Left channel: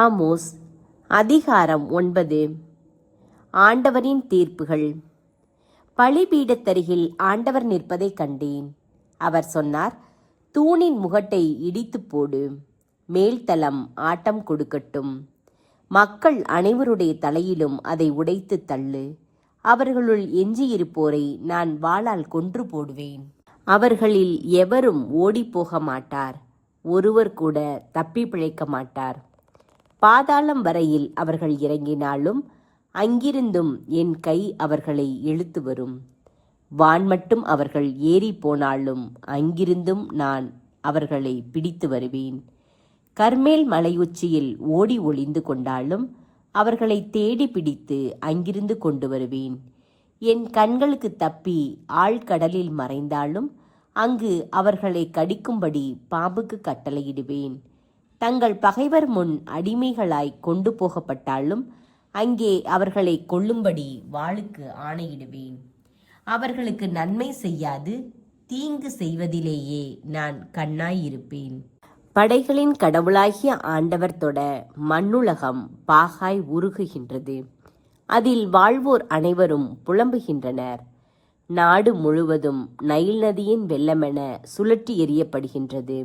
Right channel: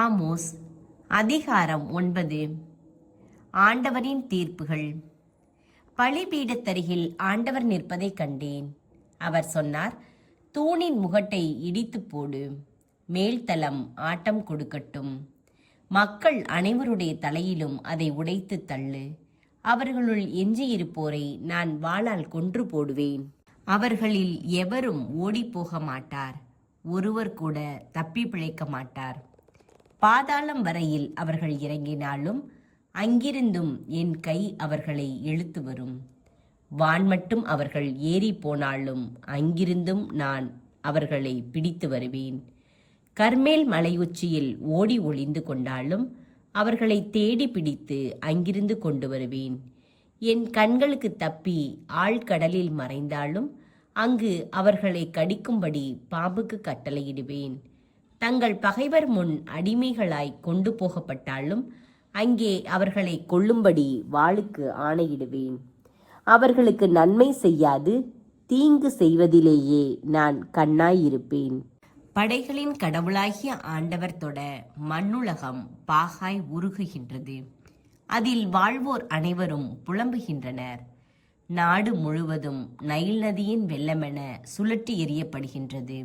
Amos அதிகாரம் 9. ஆண்டவரின் தீர்ப்புகள். பலிபீடத்தருகில் ஆண்டவர் நிற்பதைக் கண்டேன். அவர் சொன்னார், தூணின் முகட்டை இடித்து போடு, மேல்தளம் ஆட்டம் கொடுக்கட்டும். மக்கள் அனைவருடைய தலையிலும் அதை உடைத்து தள்ளு. அவர்களுள் எஞ்சியிருப்போரை நான் வாளால் கொன்று போடுவேன். அவர்களில் எவரும் ஓடிப்போக மாட்டார், ஒருவர் கூட தப்பி பிழைக்க மாட்டார். பாதாளம் வரையில் அவர்கள் இறங்கினாலும் அங்கிருந்தும் என் கை அவர்களை இழுத்து வரும். வான் மட்டும் அவர்கள் ஏறி போனாலும் அங்கிருந்தும் நான் அவர்களை பிடித்து வருவேன். கர்மேல் மலையுச்சியில் ஓடி ஒளிந்து கொண்டாலும் அவர்களை தேடி பிடித்து அங்கிருந்து கொண்டு வருவேன். என் கண்களுக்கு தப்பி ஆழ்கடலில் மறைந்தாலும் அங்கு அவர்களை கடிக்கும்படி பாம்புக்கு கட்டளையிடுவேன். தங்கள் பகைவர் முன் அடிமைகளாய் கொண்டு போகப்பட்டாலும் அங்கே அவர்களை கொல்லும்படி வாளுக்கு ஆணையிடுவேன். அவர்களுக்கு நன்மை செய்யாது தீங்கு செய்வதிலேயே நான் கண்ணாயிருப்பேன். படைகளின் கடவுளாகிய ஆண்டவர் தொட மண்ணுலகம் பாகாய் உருகுகின்றது. அதில் வாழ்வோர் அனைவரும் புலம்புகின்றனர். நாடு முழுவதும் நைல் நதியின் வெள்ளமென சுழற்றி எறியப்படுகின்றது.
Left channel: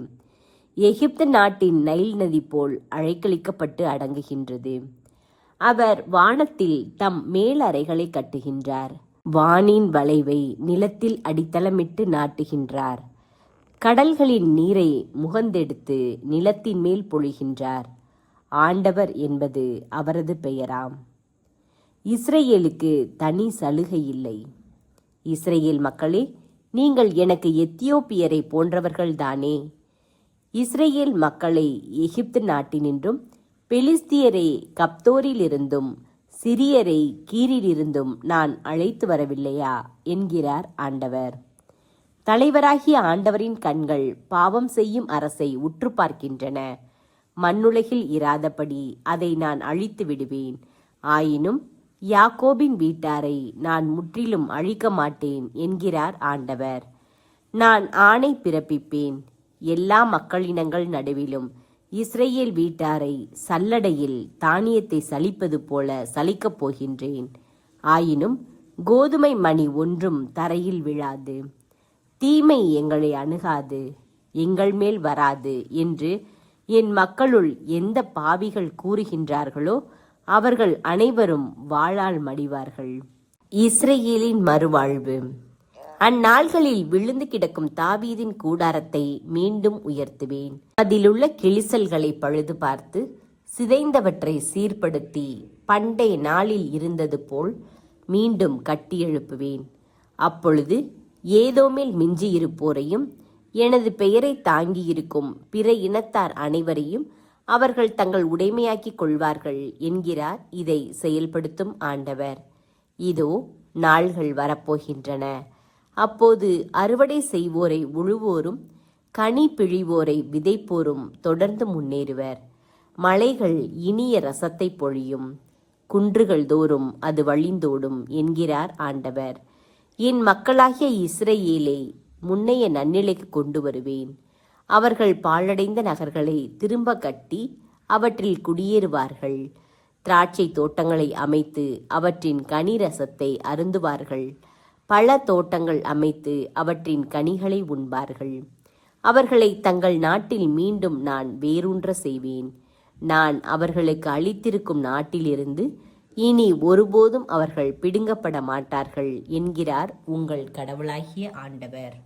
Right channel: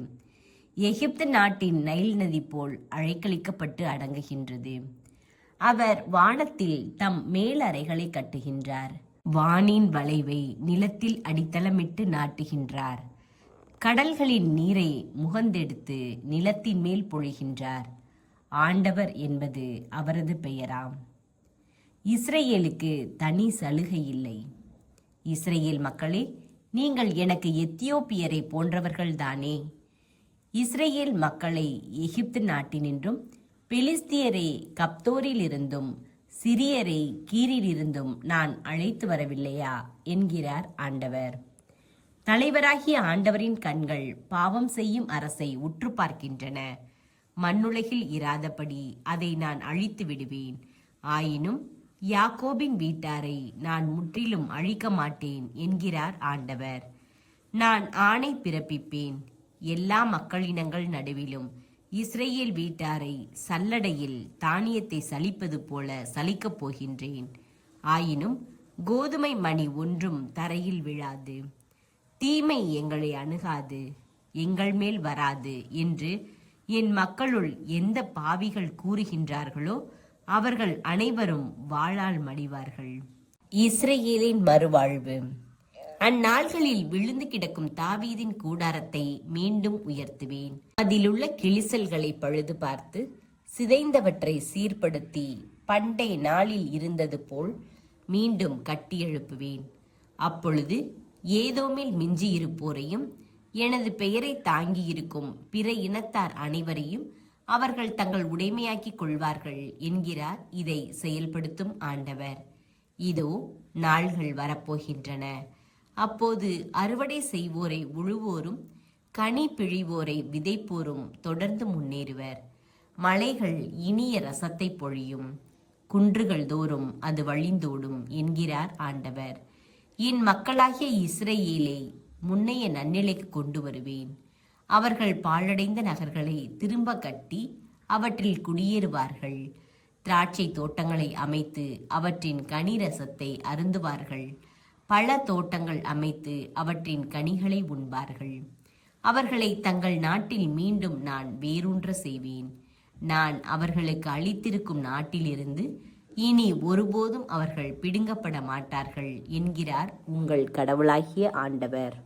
எகிப்து நாட்டின் நைல் நதி போல் அழைக்கழிக்கப்பட்டு அடங்குகின்றது. அவர் வானத்தில் தம் மேலறைகளை கட்டுகின்றார். வானின் வளைவை நிலத்தில் அடித்தளமிட்டு நாட்டுகின்றார். கடல்களின் நீரை முகந்தெடுத்து நிலத்தின் மேல் பொழிகின்றார். ஆண்டவர் என்பது அவரது பெயராம். இஸ்ரேலுக்கு தனி சலுகை இல்லை. இஸ்ரேல் மக்களே, நீங்கள் எனக்கு எத்தியோப்பியரை போன்றவர்கள்தானே? இஸ்ரேல் மக்களை எகிப்து நாட்டினின்றும், பெலிஸ்தியரை கப்தோரிலிருந்தும், சிரியரை கீரிலிருந்தும் நான் அழைத்து வரவில்லையா என்கிறார் ஆண்டவர். தலைவராகிய ஆண்டவரின் கண்கள் பாவம் செய்யும் அரசை உற்று பார்க்கின்றன. மண்ணுலகில் இராதபடி அதை நான் அழித்து விடுவேன். ஆயினும் யாக்கோபின் வீட்டாரை நான் முற்றிலும் அழிக்க மாட்டேன் என்கிறார் ஆண்டவர். நான் ஆணை பிறப்பிப்பேன். எல்லா மக்களினங்கள் நடுவிலும் இஸ்ரேல் வீட்டாரை சல்லடையில் தானியத்தை சலிப்பது போல சலிக்கப் போகின்றேன். ஆயினும் கோதுமை மணி ஒன்றும் தரையில் விழாது. தீமை எங்களை அணுகாது, எங்கள் மேல் வராது என்று என் மக்களுள் எந்த பாவிகள் கூறுகின்றார்களோ அவர்கள் அனைவரும் வாளால் மடிவார்கள். இஸ்ரேலின் மறுவாழ்வு. அந்நாள்களில் விழுந்து கிடக்கும் தாவீதின் கூடாரத்தை மீண்டும் உயர்த்துவேன். அதிலுள்ள கிழிசல்களை பழுது பார்த்து சிதைந்தவற்றை சீர்படுத்தி பண்டைய நாளில் இருந்தது போல் மீண்டும் கட்டி எழுப்புவேன். அப்பொழுது ஏதோமில் மிஞ்சியிருப்போரையும் எனது பெயரை தாங்கியிருக்கும் பிற இனத்தார் அனைவரையும் அவர்கள் தங்கள் உடைமையாக்கிக் கொள்வார்கள் என்கிறார் இதை செயல்படுத்தும் ஆண்டவர். இதோ நாள்கள் வரப்போகின்றன. அப்போது அறுவடை செய்வோரை உழுவோரும் கனி பிழிவோரை விதைப்போரும் தொடர்ந்து முன்னேறுவர். மலைகள் இனிய ரசத்தை பொழியும், குன்றுகள் தோறும் அது வழிந்தோடும் என்கிறார் ஆண்டவர். என் மக்களாகிய இஸ்ரேலை முன்னைய நன்னிலைக்கு கொண்டு வருவேன். அவர்கள் பாழடைந்த நகர்களை திரும்ப கட்டி அவற்றில் குடியேறுவார்கள். திராட்சை தோட்டங்களை அமைத்து அவற்றின் கனி ரசத்தை அருந்துவார்கள். பல தோட்டங்கள் அமைத்து அவற்றின் கனிகளை உண்பார்கள். அவர்களை தங்கள் நாட்டில் மீண்டும் நான் வேரூன்ற செய்வேன். நான் அவர்களுக்கு அளித்திருக்கும் நாட்டிலிருந்து இனி ஒருபோதும் அவர்கள் பிடுங்கப்பட மாட்டார்கள் என்கிறார் உங்கள் கடவுளாகிய ஆண்டவர்.